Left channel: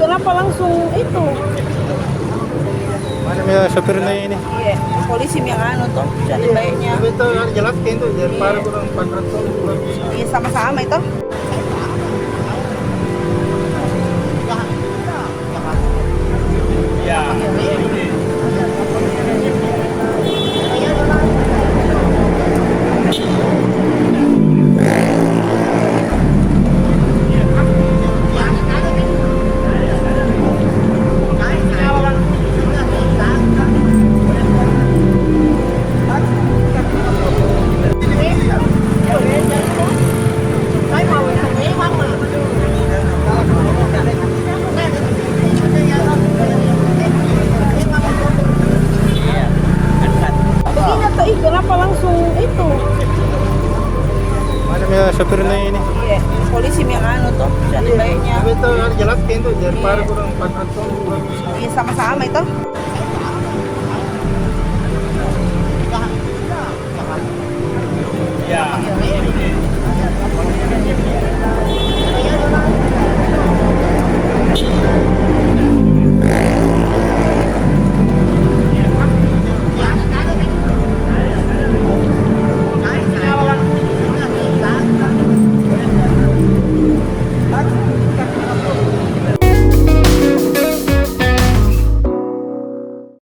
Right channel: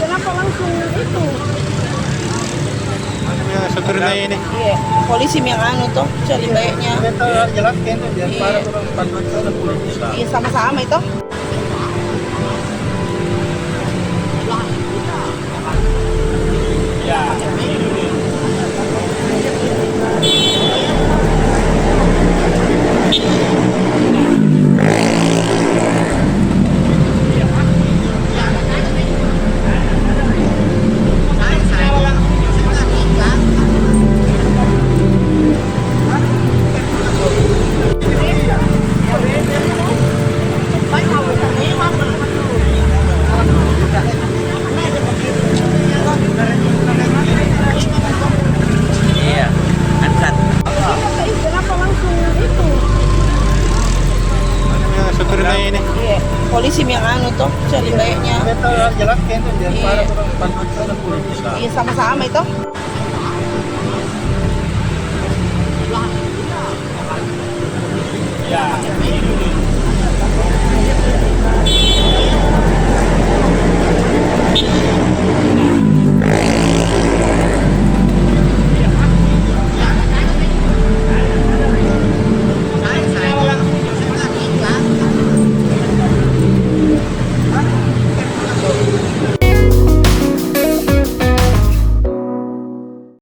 kenapa langsung itu? Ya, sopir na ini. Iya, polisi yang anu tuh cari baiknya. Itu jelaskan tuh biar Iya. Iya, sama-sama itu. Ya. Begini tuh, kenapa langsung itu? Ya, sopir na ini. Iya, polisi yang anu tuh cari baiknya. Itu jelaskan tuh biar Iya. Iya, sama-sama itu.